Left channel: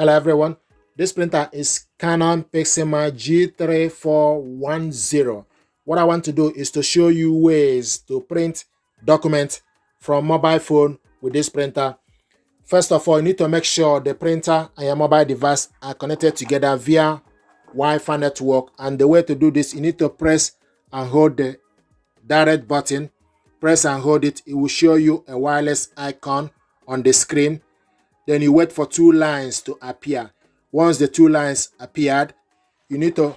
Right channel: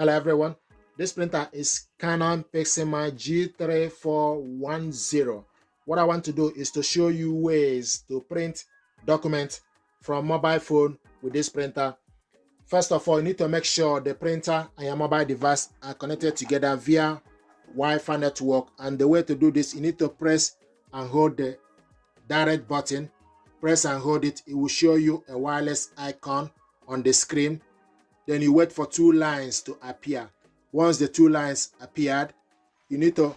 Hello everyone, this printer is Canon Pixma G3410. What I want to do is to show you ways to print documents from mobile phone with this printer. First of all, you need to make sure the printer and your mobile device are connected together via Wi-Fi network. And the way to do this, you need to press and hold the direct button. Press and hold it. It will show you a wireless icon on the screen. Then you wait for two lines to appear. Once the two lines appeared, you need to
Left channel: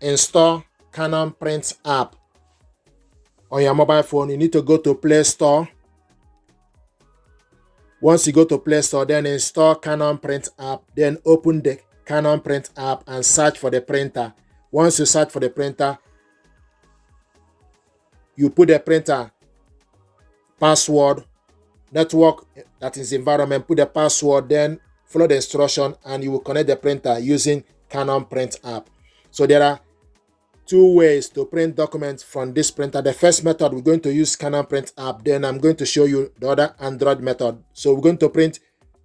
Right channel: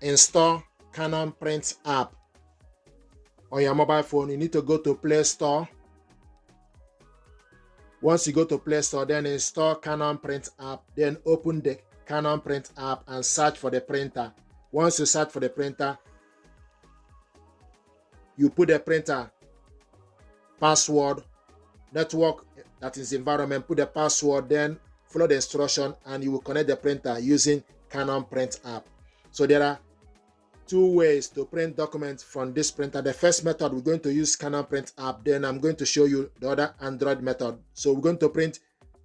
install Canon Print app on your mobile phone. You need to go to Play Store. Once you go to Play Store, then install Canon Print app. Then open the Canon Print app and search for the printer. Once you search for the printer, you put the printer password, network, that is environment, put the password, then follow the instruction and you will connect the printer using Canon Print app. So there are two ways to print documents from this printer. The first method, we're going to use Canon Print app. Then I'm going to show you the other Android method. So we're going to print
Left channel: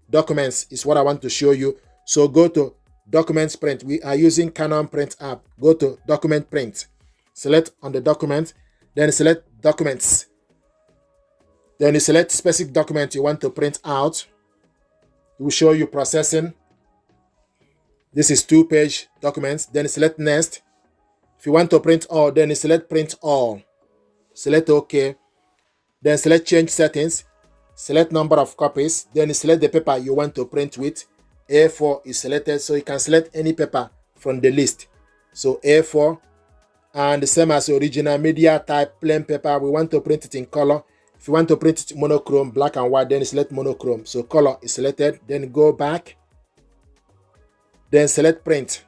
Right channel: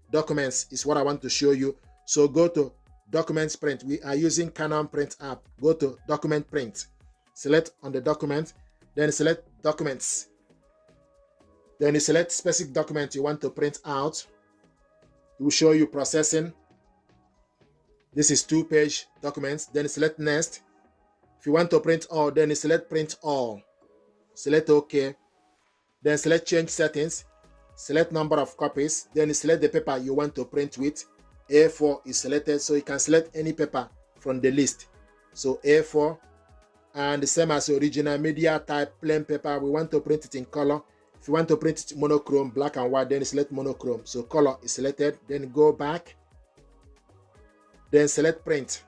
documents is what I want to show you. So go to Documents Print. We are using Canon Print app. Go to Document Print. Select on the document, then select Documents. Then you select specific document you want to print out. It will show you processing. This is 2-page documents. Then select Next. If you want to print all, then you select Print All. Select OK. Then select Change Settings. Select Number of Copies. Then you select the paper you want to print with. A4 is selected, so you can select any paper from the list. So A4, and the same as the original media type plain paper. We want to print it in color. If you want to print it monochrome, black and white, then select monochrome. So color is selected, then go back, then select print.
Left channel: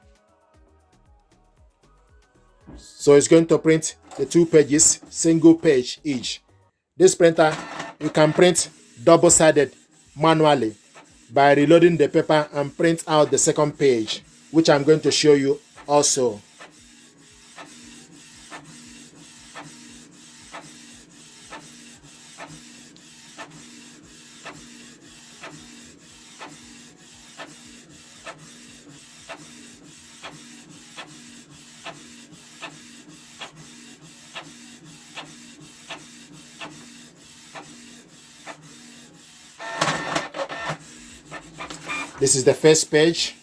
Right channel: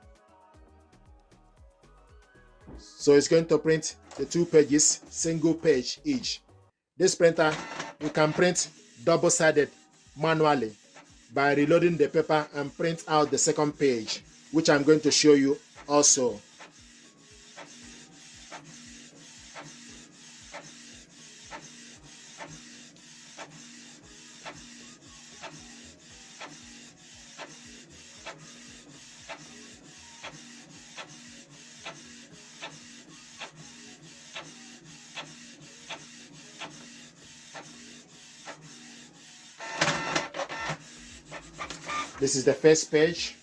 So it's going to print the 2 pages, single page each. This printer, you can print double-sided manually by reloading the paper and print out the second page, which I'm going to show you also. This is the first page.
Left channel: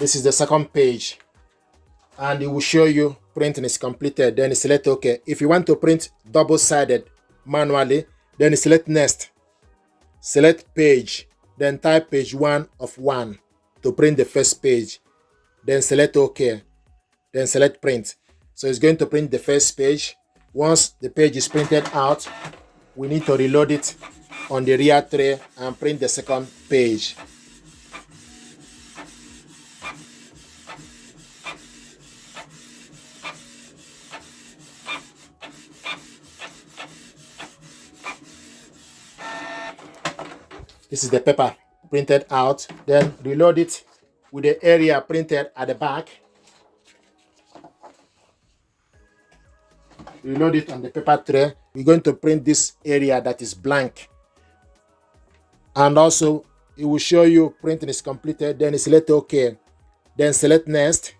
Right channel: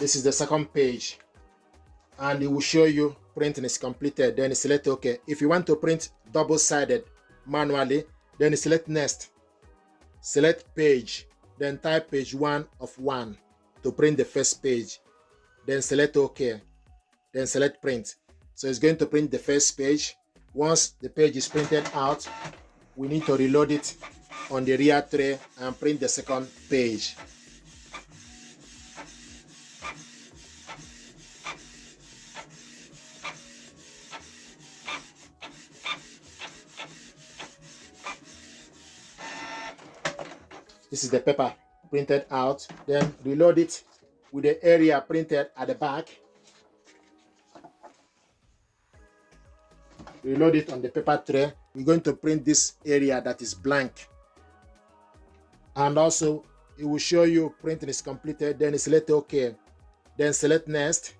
This is the second page. And it will show you printing is completed. Then select OK. If you want to print double-sided manually, then select Next. Select Page. Then type page 1 of 1. To print the first page, then select OK, then select Print. So it's going to print the first page. Once the page is printed out, we need to reload it on the rear tray and print the second page. This is the paper printed out, then reload it with the area printed at the back. Reload it on the paper tray. We're going to print this area that is blank. And also, it will show you printing is completed. Then select OK. Then select Next.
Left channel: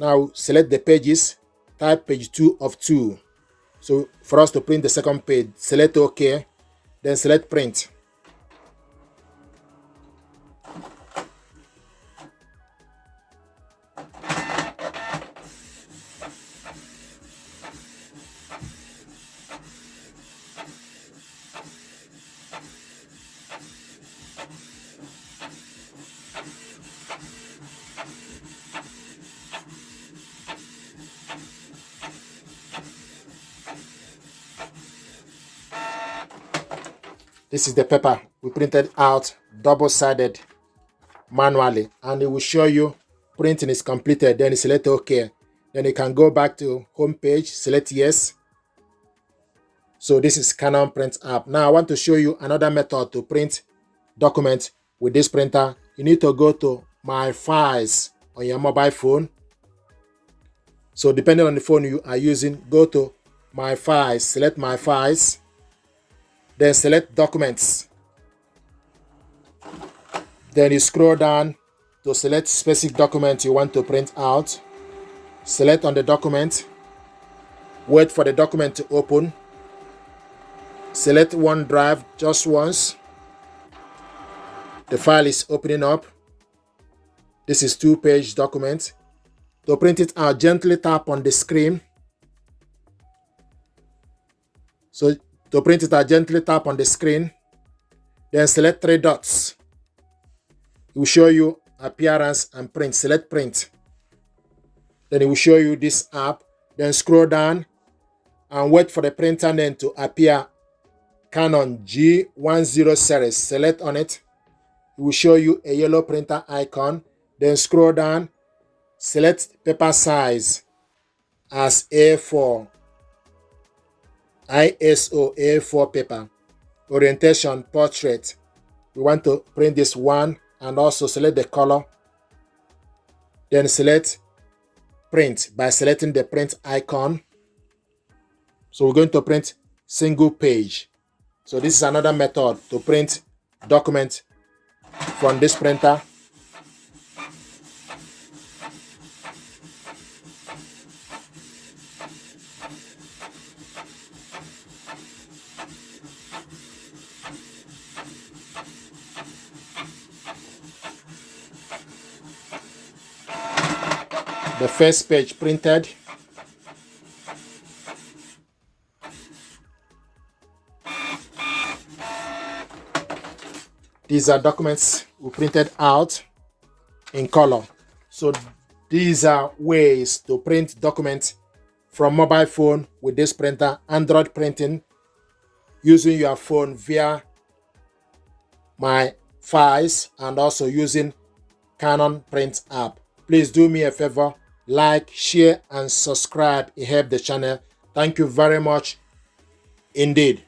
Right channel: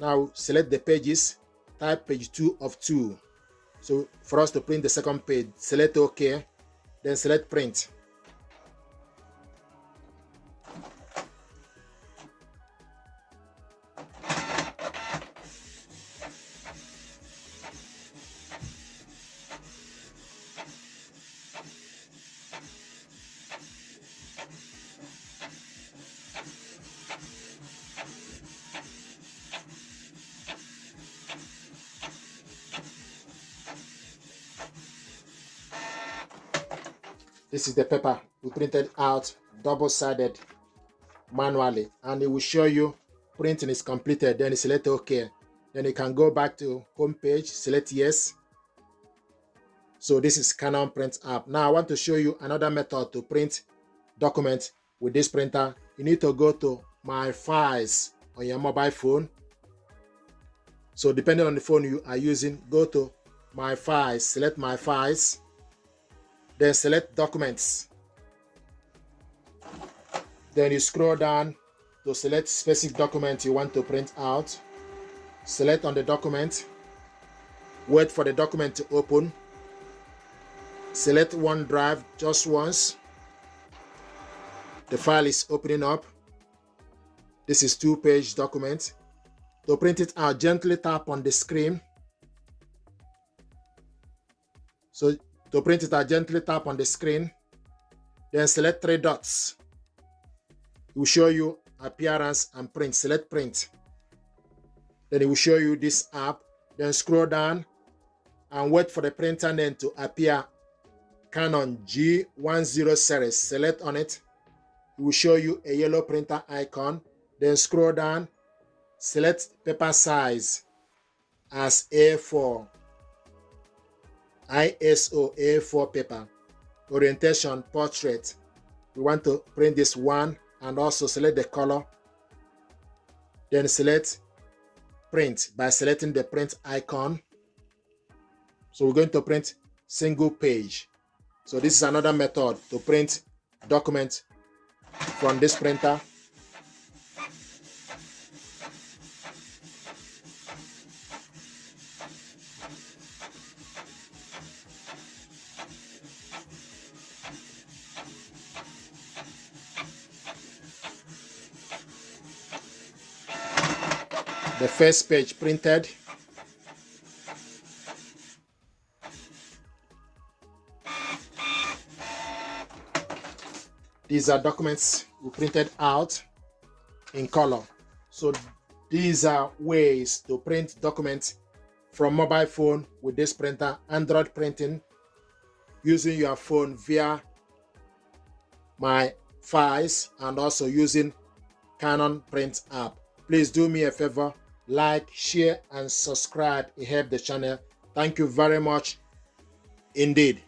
Now select the pages. Type page 2 of 2. So for us to print the second page, select OK. Then select Print. This is the paper we printed out double-sided manually, and it will show you printing is completed. Then you select OK. Then you can go back to home page, select Yes. So this is Canon Print app. Now I want to show you another method to print documents with this printer. You need to go to My Files on your mobile phone. So depending on the phone you are using, go to My Files, select My Files, then select Documents. Then you scroll down to select specific document you want to print out. Select on the document, wait for the document to open. Select OneDrive just once. The file is opening up. This is 2-page document. To print it out, gently tap on the screen. So to print it out, gently tap on the screen. Then select 3 dots. It will show you appearance and print. Select print. Then it will show you this app. Then scroll down and wait for the printer name to appear. Canon G10 series. Select on it. It will show you a yellow printer icon. Then scroll down. Select paper size as A4. ISO A4 paper. Orientation portrait. We want to print this one and also select the color. Then select print by selecting the print icon. So we're going to print single page. So this is another method to print document from this printer. The first page printed. These are documents we printed out in color. So these are ways to print documents from mobile phone with this printer, Android printing, using your phone via My Files and also using Canon Print app. Please do me a favor, like, share, and subscribe. It helps the channel. Thank you very much indeed.